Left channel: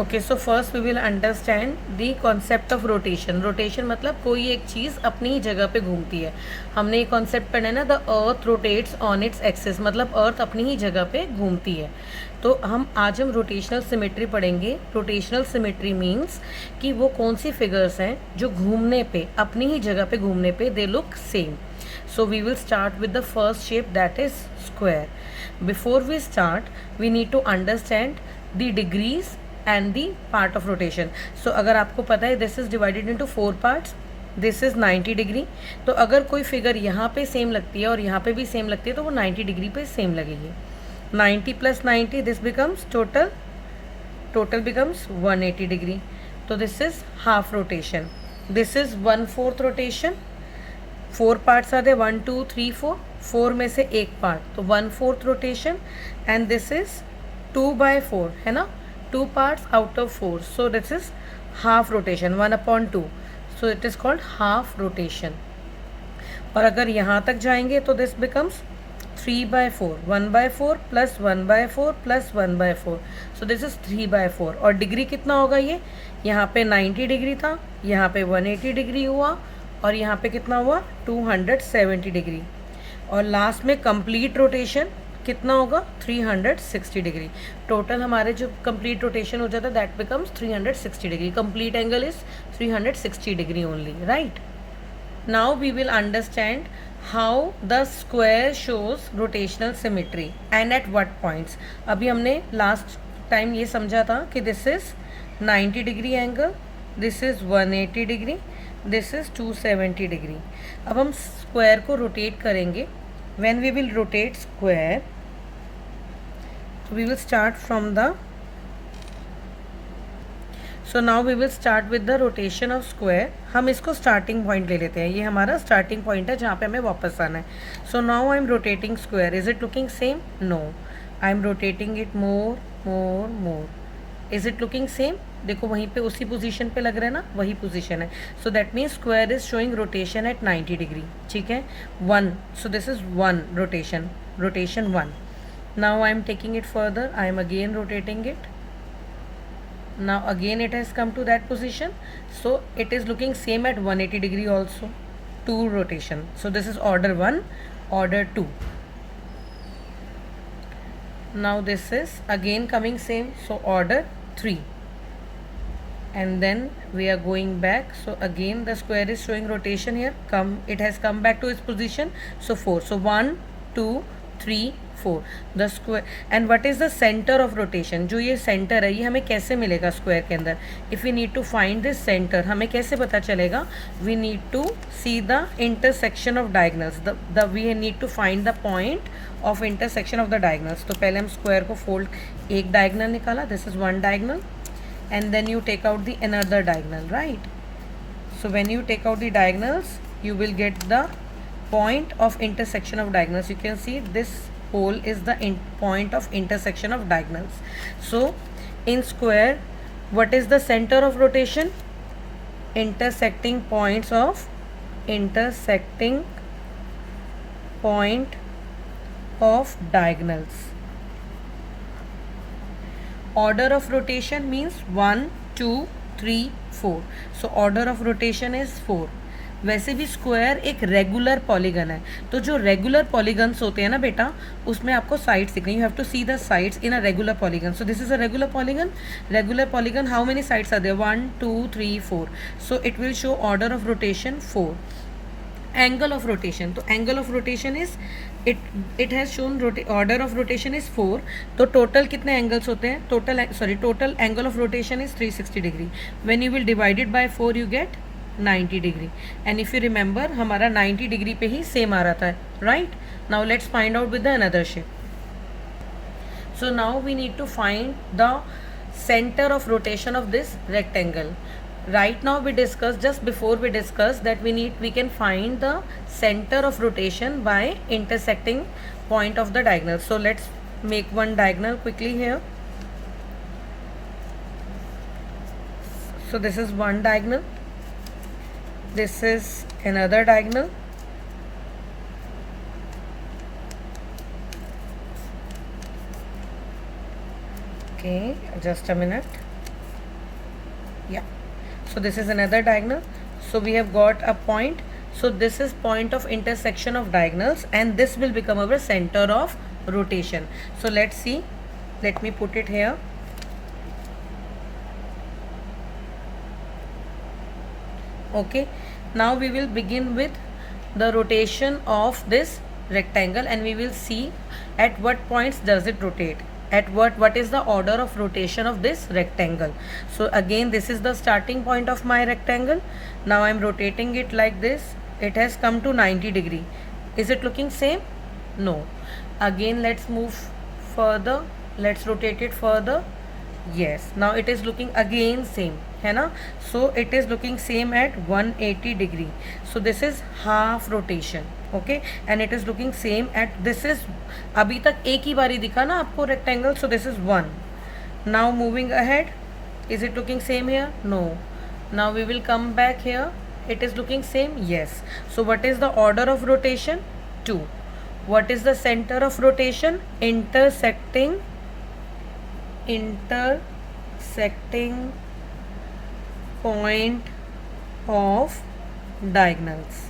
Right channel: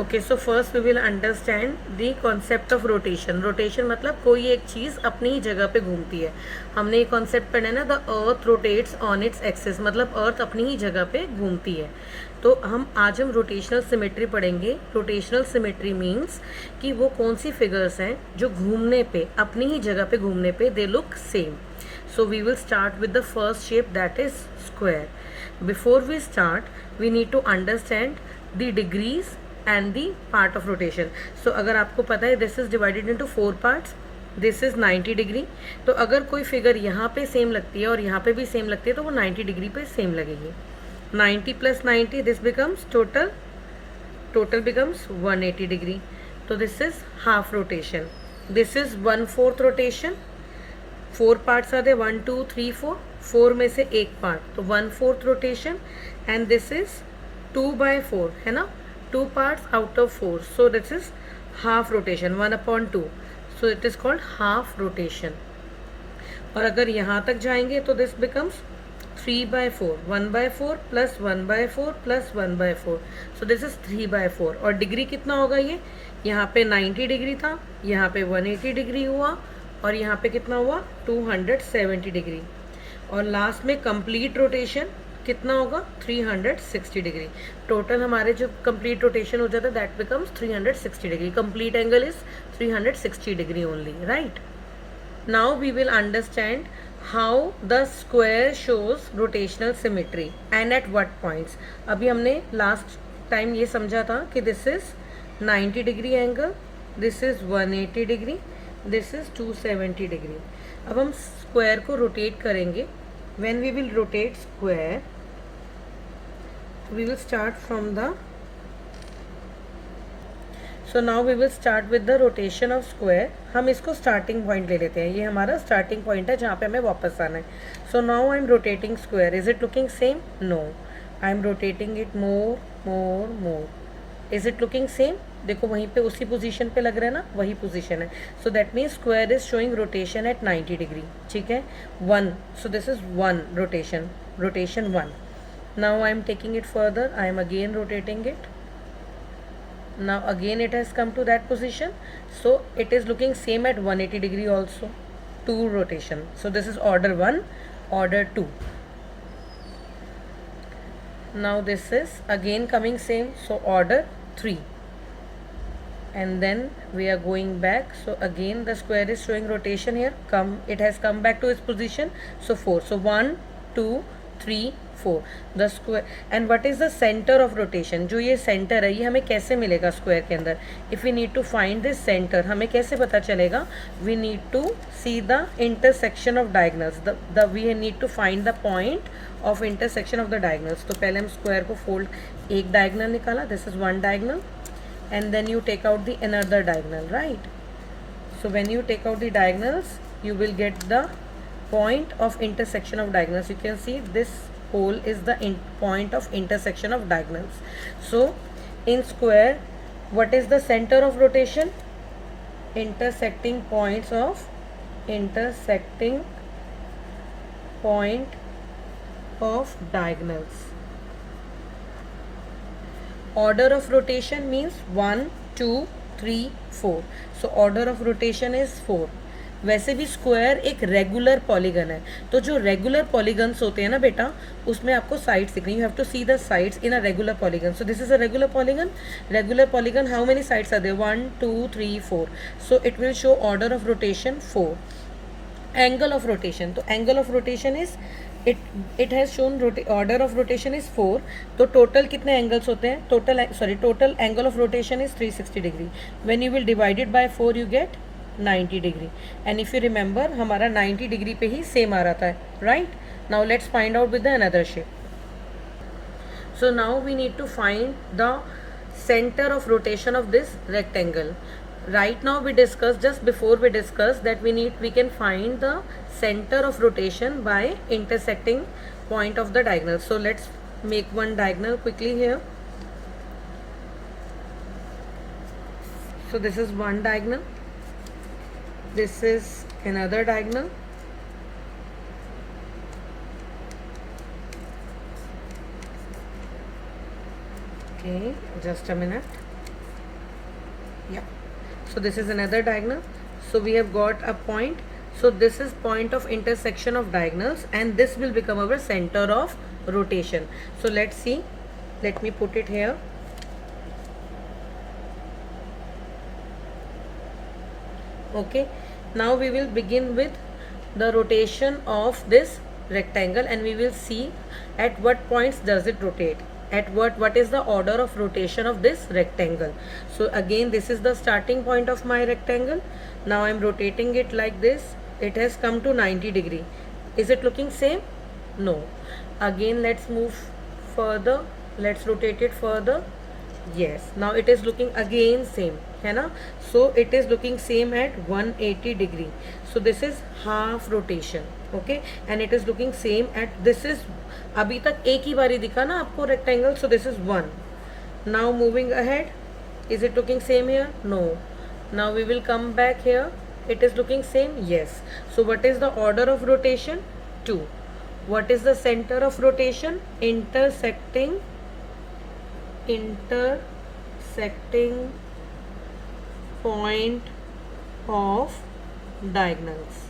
Okay, so first we will understand the concept of rotation. Rotation मतलब कोई एक चीज़ अपनी ही जगह पे घूमती है. हमने ये कॉन्सेप्ट पढ़ा है ना, the earth rotates on its axis, मतलब अर्थ अपनी ही जगह पे घूमती है. तो आज हम रोटेशनल सिमेट्री पढ़ेंगे. रोटेशनल सिमेट्री मीन्स कि वो कौन सी फिगर्स हैं जो घूमने पे, अपनी ही जगह पे घूमने पे they look same. So we will start with the first shape, that is square. Before we start we need to understand the degrees and the part of rotation. So अगर आपको पता है this is divided into 4 parts. This is 90 degree. तो अगर कोई figure यहाँ पे same लगती है और यहाँ पे भी सेम लगती है तो वो 90 डिग्री पे सेम लगेगी. 90 plus 90 this becomes total becomes 180 degree. तो this is half rotation. This is 1/4 rotation. 4 parts are there, 1 2 3 4. 4 में से एक पार्ट, तो 1/4 रोटेशन. एंड दिस इज 2/4 है ना, 2 parts out of 4. So this is half rotation, 1/2. So it is called half rotation. और अगर यहाँ तक जाएंगे तो this becomes 3/4. 1/4 plus 1/4 plus 1/4. So this is 3/4. और डिग्री कितना होगा ये? यहाँ पे 90 डिग्री था, यहाँ पे 180 डिग्री हुआ, और यहाँ पे कितना हुआ? 270 डिग्री. और लास्ट में कंप्लीट रोटेशन कितना होगा? 360 डिग्री. टोटल हमारे जो कंप्लीट रोटेशन हो जाता है that becomes 360 degree. Complete angle is 360 degree only, right. Now we will understand how the square shows rotational symmetry and at what points. अभी हमने लास्ट टाइम ये समझा था कि this is 90 degree angle, this is 180 degree, this is 270 degree. अब हम square को rotate करेंगे. When we will rotate square, we will start from the, so now we will start with the rotation of square. हम इसको starting point ले लेते हैं. ये हमारा starting point है जहाँ पे हमें वापस आना है. So now I am rotating square. Is it looking same? No. I am rotating it more. Is it looking same? देखो वहीं पे उसी पोजीशन पे लग रहा है ना, वही पोजीशन है. So that means square is showing rotation at 90 degree. ठीक है, 1. So this is 1 rotation 1. Now I am taking it further. I am again rotating it. Now again it has come to that position. So it is looking same at 180 degree also. 2 rotation. So this is order 1, order 2. Now this is again coming same, so order 3, and then we are going back. So again the square is showing rotation here. It has come back to its position. So 4. So 1 2 3 4 the square. And what is the center of rotation? जो ये center है ये हमें कैसे मिलेगा square के अंदर? If we need to find this center, हमें कैसे पता चलेगा? We need to see the intersection of diagonals. We need to find the point of intersection of the diagonals. तो पहले हम स्क्वायर को फोल्ड, एक डायगनल निकाला, this is 1 diagonal, and then you take out the another diagonal, right? So when you take out the diagonals you will get the point of intersection of diagonals. You can see this hole is the point of intersection of diagonals. So in square what is the center of rotation? Intersecting point of diagonals. Order of rotation means 1 2 3 4. So order of rotation is 4. वैसे भी square एक regular polygon है, तो जो regular polygons होते हैं ना बेटा, उसमें आपको साइड्स दिखनी. You have to see the sides in a regular polygon. So this is a regular polygon. Regular polygon, how many sides are there? 1 2 3 4. So it will show order of rotation 4. Angle of rotation, तो angle of rotation is it has shown order of rotation is 4. तो total कितने angles होते हैं? Total angle of rotation is 360 degree. When you will divide it by 4 you get 90 degree. And if you remember हमारा 90 degree पे ही same आ रहा था, right. Now let's find out with the another shape. So now we need to find the center of rotation of this rectangle. Right now we discussed, just before we discussed that we can find the center of rotation by intersecting point of the diagonal. So let's make one diagonal quickly here. So this is one diagonal, this is another diagonal, okay, just a minute. Yeah. So this is another diagonal. So we have got a point. So this is point of intersection of diagonals, and this will become our center of rotation. So let's see. Let me put it here. Okay. Now we will begin with the rotation of this rectangle, and we will see at what points does it rotate, at what is the order of rotation of this rectangle. So again, this is the starting point of my rectangle. Now I'm rotating it like this. It has come to 90 degree. Is it looking same? No. Again, let's move further. Let's rotate it further. Yes, now it is looking again same, है ना? So it is looking same at 180 degree. So this is half rotation, okay? And it is looking same at, this is, अभी तक एक ही बारी दिखा ना आपको rectangle, so this is 1. Now moving ahead, is it looking same here? No. Now we will come back here. It is looking same? Yes. So what is the order of rotation? 2. What is the center of rotation? Intersecting point of diagonals.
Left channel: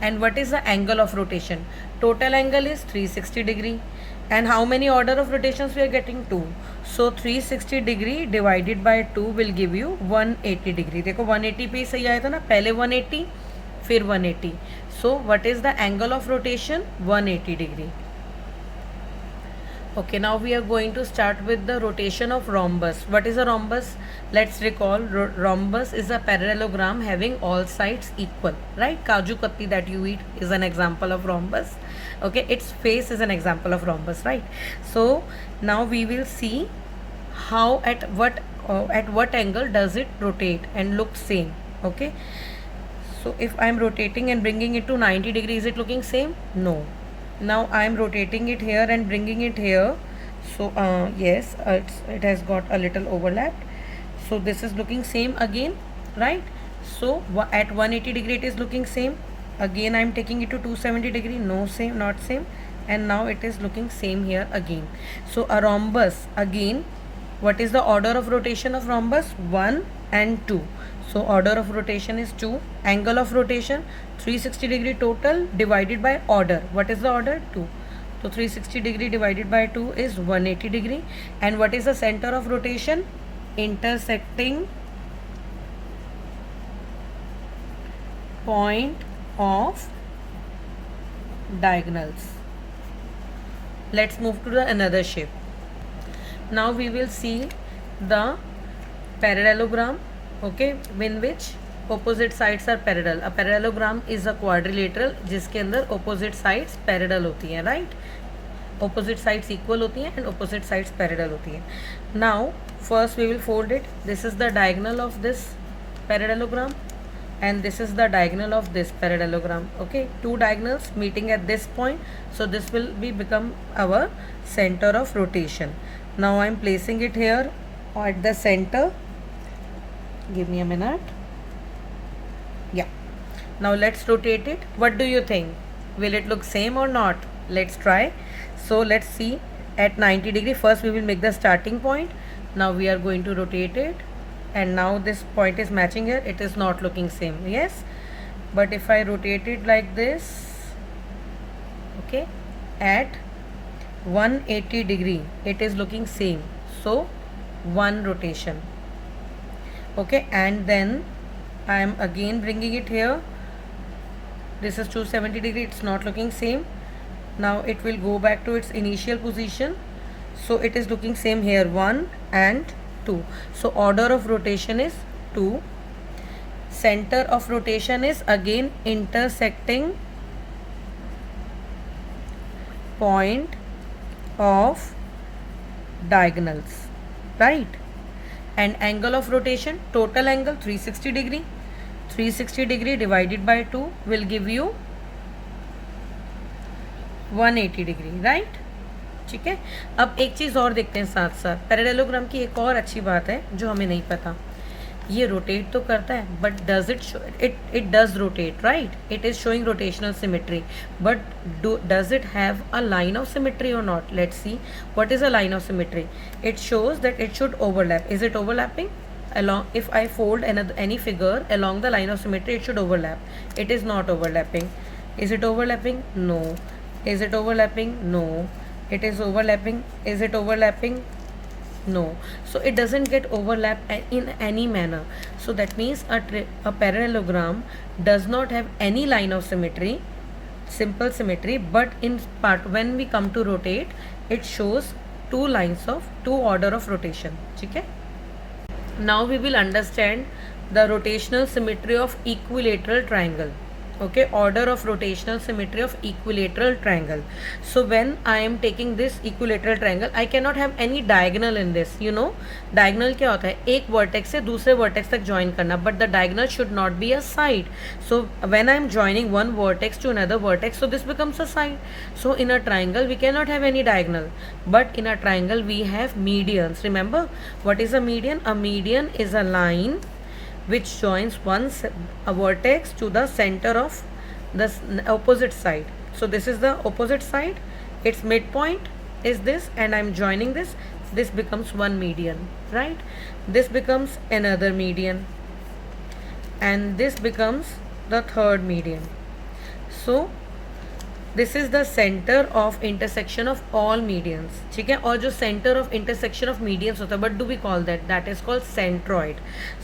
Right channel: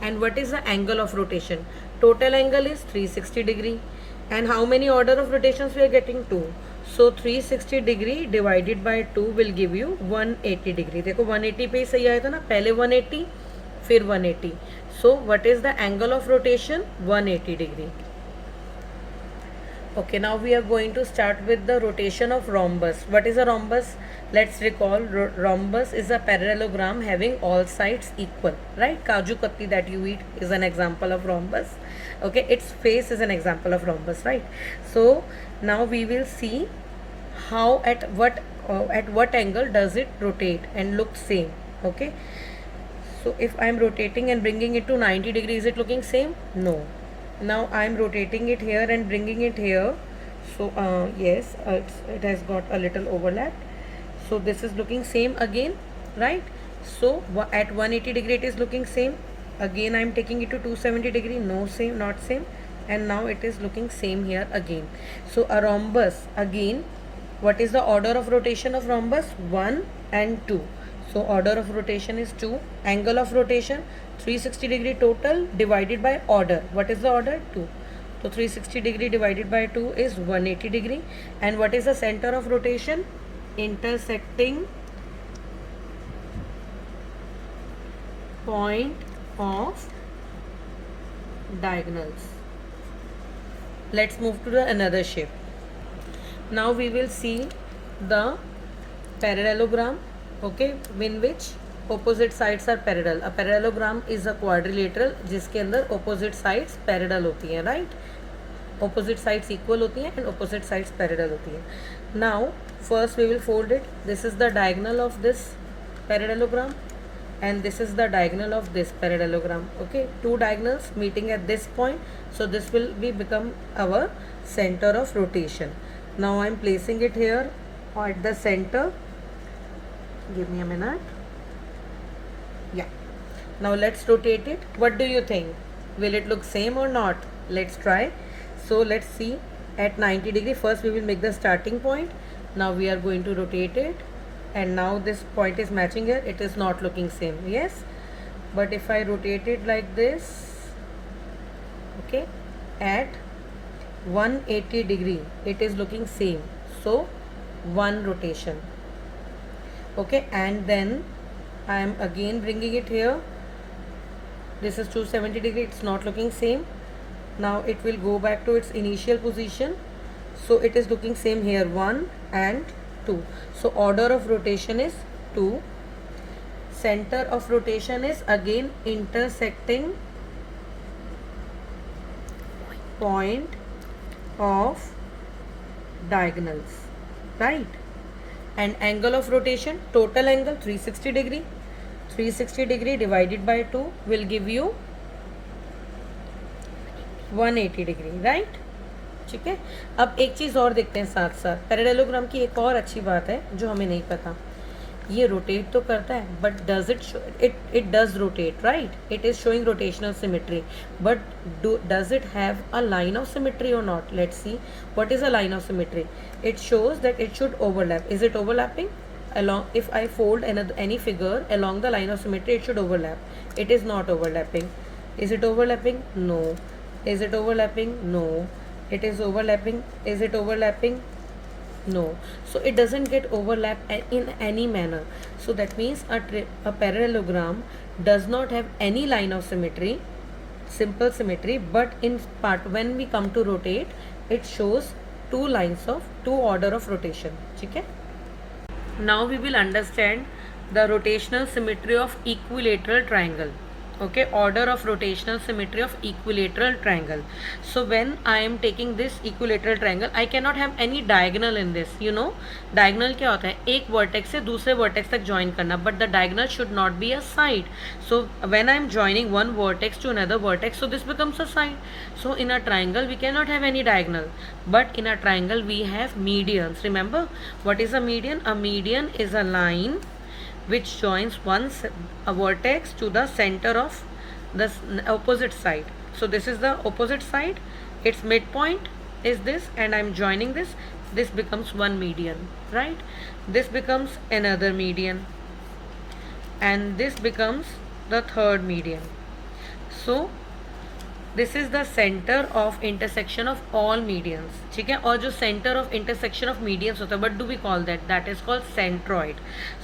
And what is the angle of rotation? Total angle is 360 degree. And how many order of rotations we are getting? 2. So 360 degree divided by 2 will give you 180 degree. देखो 180 पे ही सही आया था ना, पहले 180 फिर 180. So what is the angle of rotation? 180 degree. Okay, now we are going to start with the rotation of rhombus. What is a rhombus? Let's recall, rhombus is a parallelogram having all sides equal, right? Kaju katli that you eat is an example of rhombus. Okay, its face is an example of rhombus, right? So now we will see how at what angle does it rotate and look same. Okay, so if I am rotating and bringing it to 90 degrees, is it looking same? No. Now I am rotating it here and bringing it here. So yes, it has got a little overlap. So this is looking same again, right? So at 180 degree it is looking same. Again I am taking it to 270 degree. No, same, not same. And now it is looking same here again. So a rhombus, again, what is the order of rotation of rhombus? 1 and 2. So order of rotation is 2. Angle of rotation 360 degree total divided by order. What is the order? 2. So 360 degree divided by 2 is 180 degree. And what is the center of rotation? Intersecting point of diagonals. Let's move to the another shape. Now we will see the parallelogram, okay, in which opposite sides are parallel. A parallelogram is a quadrilateral जिसके अंदर opposite sides parallel होती हैं, right? Opposite sides equal होती हैं and opposite sides parallel होती हैं. Now first we will fold it. This is the diagonal of this parallelogram and this is the diagonal of this parallelogram. Okay, two diagonals meeting at this point. So this will become our center of rotation. Now I am placing it here at the center. Give me a minute. Yeah. Now let's rotate it. What do you think? Will it look same or not? Let's try. So let's see at 90 degree. First we will make the starting point. Now we are going to rotate it. And now this point is matching here. It is not looking same. Yes. But if I rotate it like this, okay, at 180 degree, it is looking same. So one rotation. Okay, and then I am again bringing it here. This is 270 degree. It's not looking same. Now it will go back to its initial position. So it is looking same here, 1 and 2. So order of rotation is 2. Center of rotation is again intersecting point of diagonals, right? And angle of rotation, total angle 360 degree. 360 degree divided by 2 will give you 180 degree, right? ठीक है. अब एक चीज़ और देखते हैं साथ साथ. Parallelogram की एक और अच्छी बात है जो हमें नहीं पता. ये रोटेट तो करता है, but does it does rotate, right? It is showing rotational symmetry, but does it have a line of symmetry और not? Let's see what is a line of symmetry. It shows that it should overlap. Is it overlapping? Along, if I fold any figure along the line of symmetry, it should overlap. It is not overlapping. Is it overlapping? No. Is it overlapping? No. It is overlapping. Is it overlapping? No. So it doesn't get overlap in any manner. So that means a parallelogram does not have any line of symmetry, simple symmetry, but in part when we come to rotate, it shows two lines of two order of rotation. ठीक है? Now we will understand the rotational symmetry of equilateral triangle. Okay, order of rotational symmetry of equilateral triangle. So when I am taking this equilateral triangle, I cannot have any diagonal in this. You know, diagonal क्या होता है? एक vertex से दूसरे vertex तक join करना, but the diagonal should not be a side. So when I am joining one vertex to another vertex, so this becomes a side. So in a triangle we cannot have any diagonal, but in a triangle we have medians. Remember what is a median? A median is a line which joins a vertex to the center of the opposite side. So this is the opposite side, its midpoint is this, and I'm joining this. This becomes one median, right? This becomes another median, and this becomes the third median. So this is the centre of intersection of all medians. ठीक है, और जो centre of intersection of medians होता है, but do we call that is called centroid.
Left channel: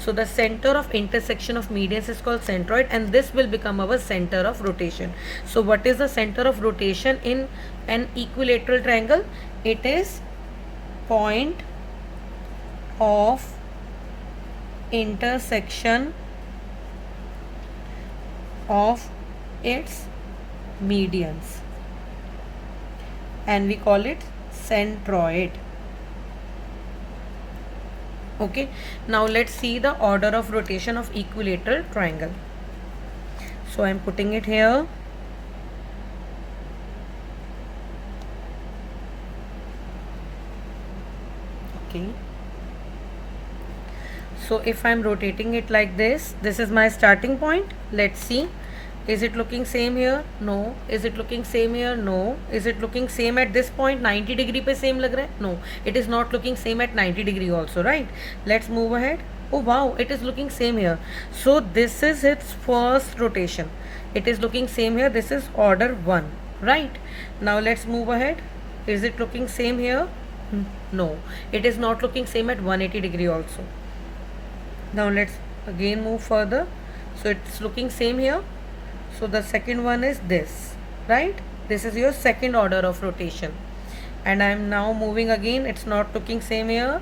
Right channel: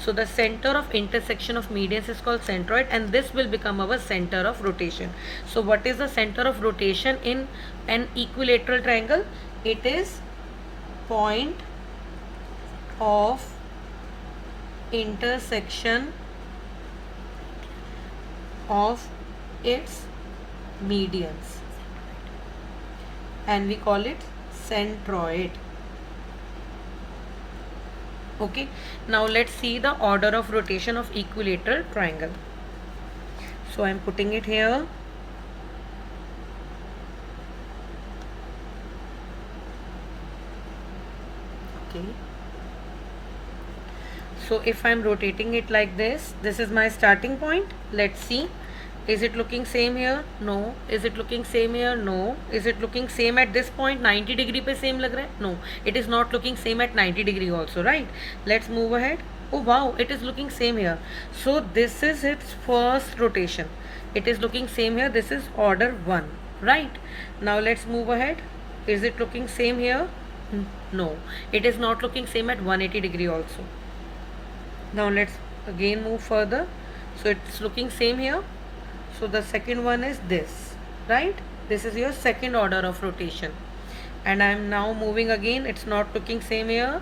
So the centre of intersection of medians is called centroid, and this will become our centre of rotation. So what is the centre of rotation in an equilateral triangle? It is point of intersection of its medians, and we call it centroid. Okay, now let's see the order of rotation of equilateral triangle. So I am putting it here. Okay, so if I am rotating it like this, this is my starting point. Let's see, is it looking same here? No. Is it looking same here? No. Is it looking same at this point? 90 degree पे same लग रहा है? No. It is not looking same at 90 degree also, right? Let's move ahead. Oh wow, it is looking same here. So this is its first rotation. It is looking same here. This is order 1, right? Now let's move ahead. Is it looking same here? No. It is not looking same at 180 degree also. Now let's again move further. So it's looking same here. So the second one is this, right? This is your second order of rotation, and I am now moving again. It's not looking same here,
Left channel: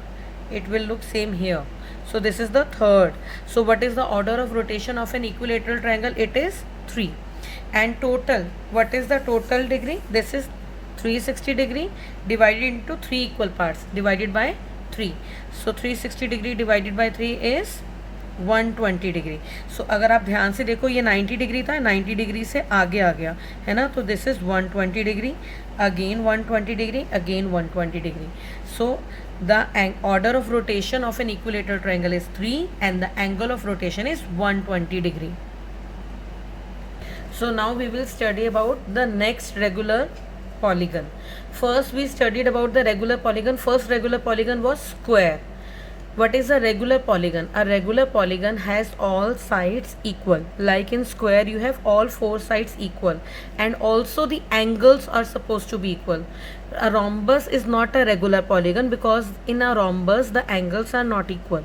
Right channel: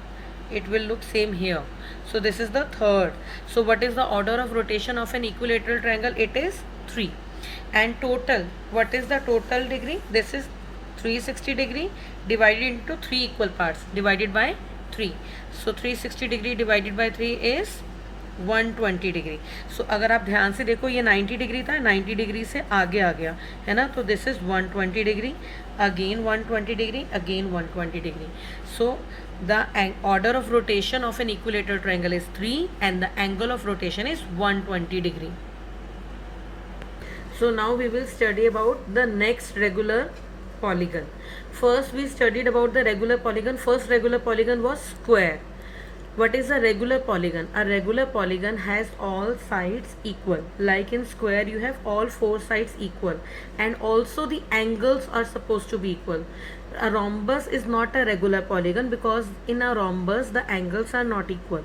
it will look same here. So this is the third. So what is the order of rotation of an equilateral triangle? It is 3. And total, what is the total degree? This is 360 degree divided into 3 equal parts, divided by 3. So 360 degree divided by 3 is 120 degree. So अगर आप ध्यान से देखो, ये 90 degree था, 90 degree से आगे आ गया है ना, तो this is 120 degree, again 120 degree, again 120 degree. So the order of rotation of N equilateral triangle is 3 and the angle of rotation is 120 degree. So now we will study about the next regular polygon. First we studied about the regular polygon. First regular polygon was square. What is a regular polygon? A regular polygon has all sides equal. Like in square you have all 4 sides equal, and also the angles are supposed to be equal. A rhombus is not a regular polygon because in a rhombus the angles are not equal.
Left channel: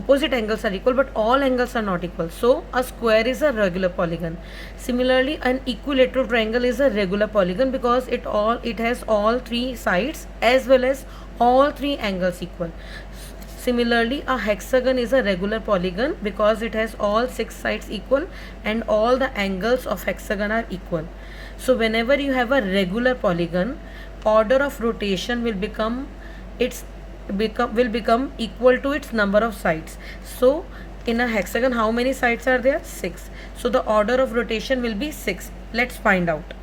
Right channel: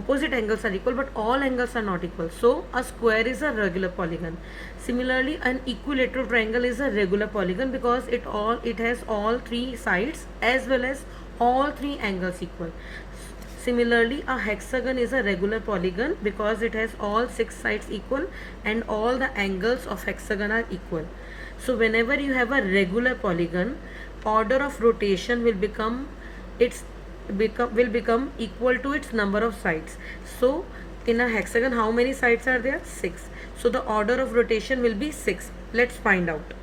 Opposite angles are equal but all angles are not equal. So a square is a regular polygon. Similarly, an equilateral triangle is a regular polygon because it has all 3 sides as well as all 3 angles equal. Similarly, a hexagon is a regular polygon because it has all 6 sides equal and all the angles of hexagon are equal. So whenever you have a regular polygon, order of rotation will become equal to its number of sides. So in a hexagon, how many sides are there? 6. So the order of rotation will be 6. Let's find out.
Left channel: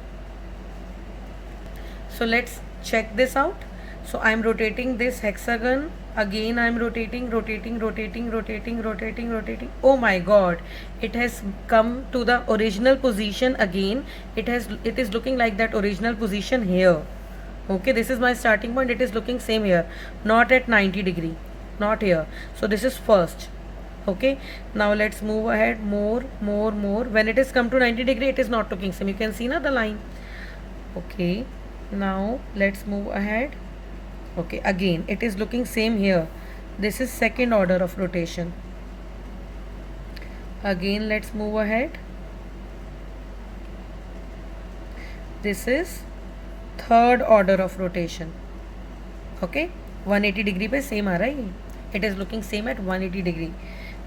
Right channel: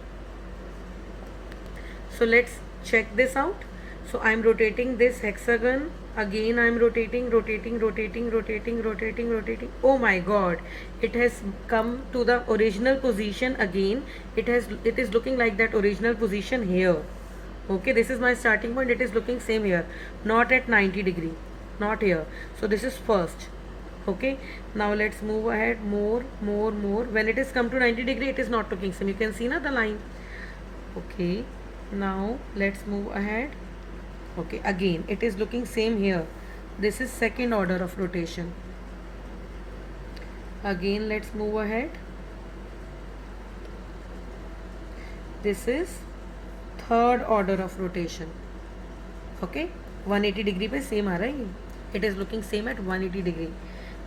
So let's check this out. So I am rotating this hexagon. Again I am rotating, rotating, rotating, rotating, rotating, rotating. Oh my god, it has come to the original position again. It is looking like that original position here. Okay, this is my starting point. It is looking same here, not at 90 degree, not here. So this is first. Okay, now let's move ahead more, more, more. When it is come to 90 degree, it is not looking same. You can see now the line. Okay, now let's move ahead. Okay, again it is looking same here. This is second order of rotation. Again let's move ahead. This is third order of rotation. Okay, 180 degree पे same आ रहा है. It is looking same at 180 degree.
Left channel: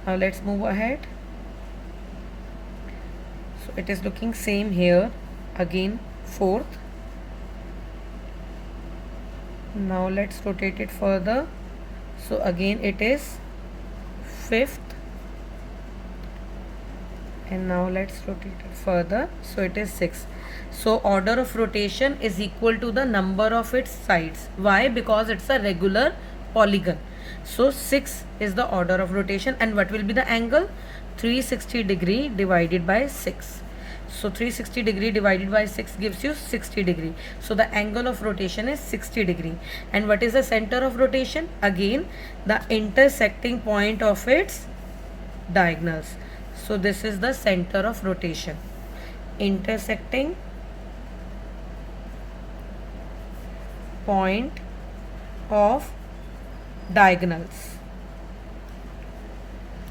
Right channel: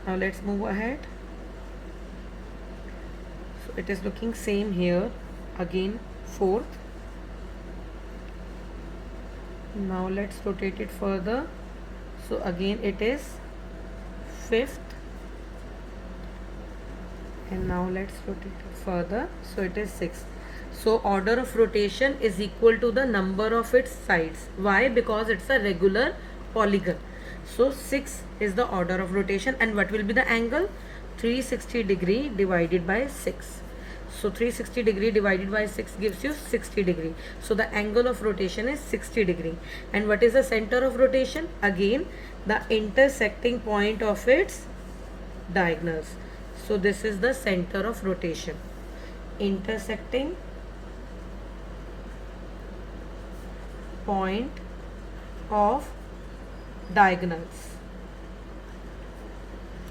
Now let's move ahead. So it is looking same here. Again fourth. Now let's rotate it further. So again it is fifth, and now let's rotate it further. So it is sixth. So order of rotation is equal to the number of its sides. Why? Because it's a regular polygon. So 6 is the order of rotation, and what will be the angle? 360 degree divided by 6. So 360 degree divided by 6 gives you 60 degree. So the angle of rotation is 60 degree. And what is the center of rotation? Again, the intersecting point of its diagonals. So this is the center of rotation. Intersecting point of diagonals.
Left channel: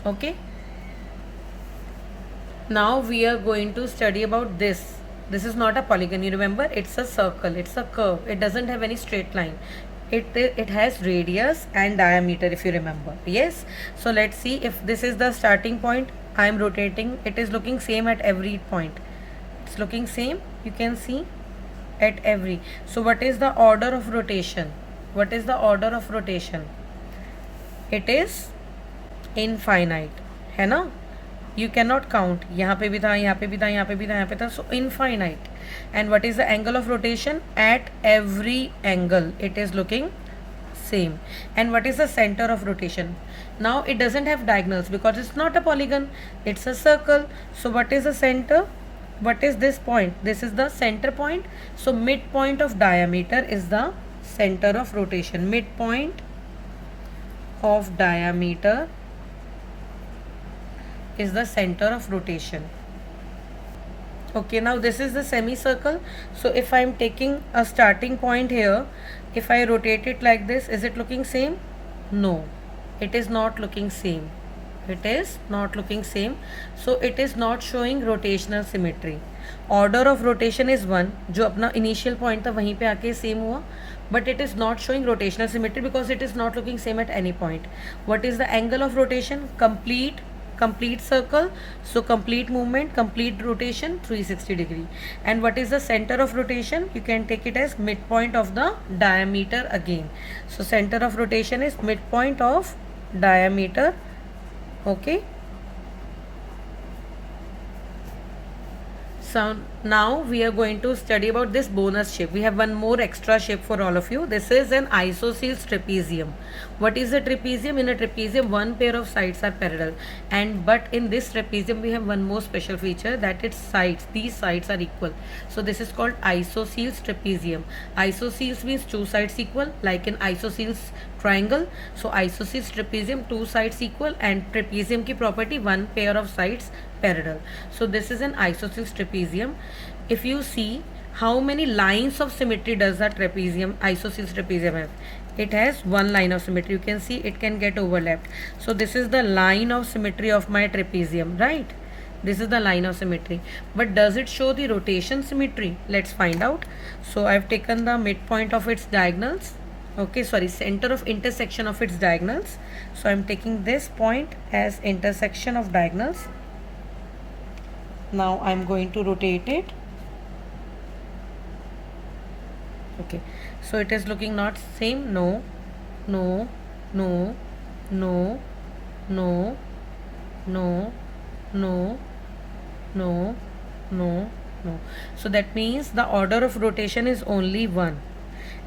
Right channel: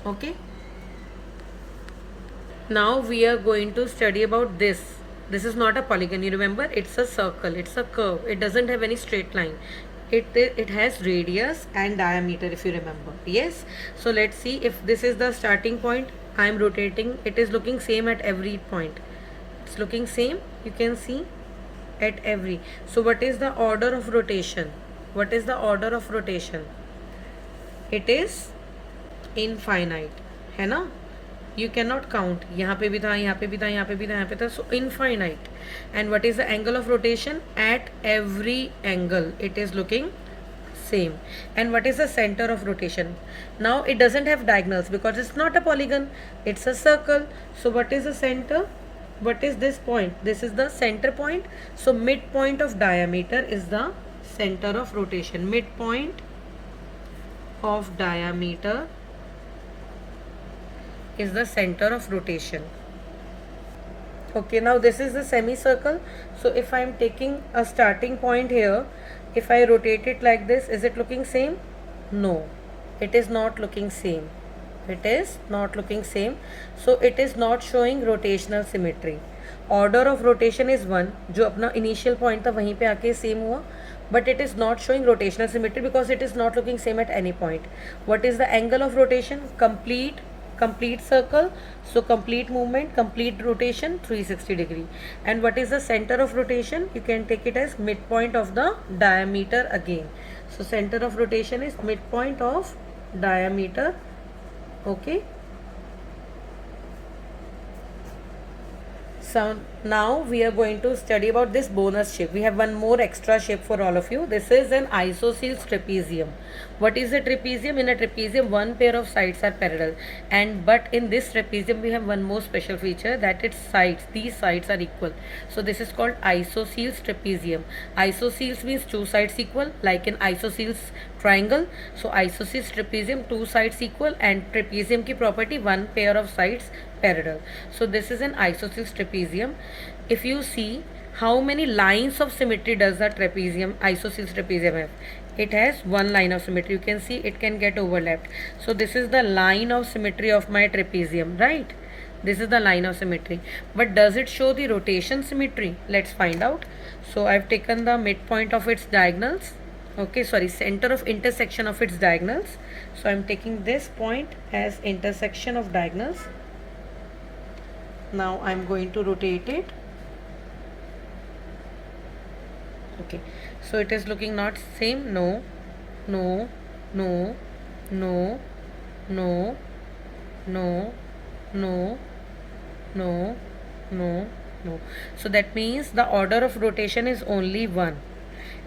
Okay. Now we are going to study about this. This is not a polygon. You remember, it's a circle. It's a curve. It doesn't have any straight line. It has radius and diameter, if you remember. Yes. So let's see if this is the starting point. I am rotating. It is looking same at every point. It's looking same. You can see at every. So what is the order of rotation? What is the order of rotation? It is infinite. है ना? You cannot count. यहाँ पे भी था, यहाँ पे भी था, यहाँ पे भी था, यहाँ पे था. So infinite. And what is the angle of rotation? At every angle it is looking same. And what is the center of rotation? Now it doesn't have diagonals because it's not a polygon. It's a circle. So what is the center? What is this point? This is the center point. So midpoint of diameter is the center of rotation. Midpoint of diameter is the center of rotation. Okay, now this is the semicircle. So if I am taking a starting point here, if I rotate it like this, is it looking same? No, it is not looking same. It is not looking same. So it is not showing rotational symmetry. Order of rotation is 1. जो अपना initial point था वहीं पे आके same हुआ. But it is not showing rotational symmetry because it is not looking same at any point. What is the angle of rotation? Complete circle. So complete movement, complete rotation, 360 degree. And what is the center of rotation? You can take it as midpoint of the diameter again. So center of rotation is midpoint of diameter. Okay. So now we are going to study about this bonus shape. We have one more extra shape for all of you. This is an isosceles trapezium. What is a trapezium? In a trapezium, one pair of sides are parallel. But in this trapezium, we have one more special feature, that its sides, these sides are equal. So this is called isosceles trapezium. Isosceles means two sides equal, like in isosceles triangle. So isosceles trapezium, two sides equal, and trapezium ki property, one pair of sides parallel. So this is an isosceles trapezium. If you see how many lines of symmetry does the trapezium, isosceles trapezium have? It has one line of symmetry. You can see it can get overlapped. So this is the line of symmetry of my trapezium, right? This is the line of symmetry. But does it show the rotation symmetry? Let's find out. So I've taken the midpoint of its diagonals. Okay, sorry, center of intersection of its diagonals. So I'm taking this point as intersection of diagonals. Now I'm going to rotate it. Okay, so it is looking not same. No, no, no, no, no, no, no, no, no, no. So that means the order of rotation is only 1.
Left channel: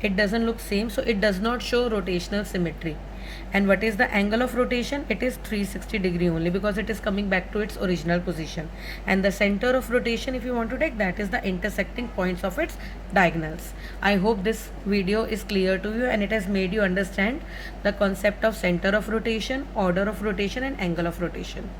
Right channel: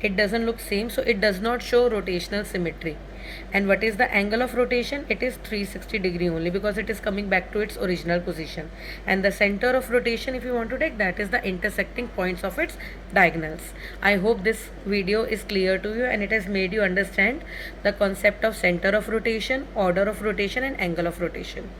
it doesn't look same, so it does not show rotational symmetry. And what is the angle of rotation? It is 360 degree only, because it is coming back to its original position. And the center of rotation, if you want to take, that is the intersecting points of its diagonals. I hope this video is clear to you and it has made you understand the concept of center of rotation, order of rotation and angle of rotation.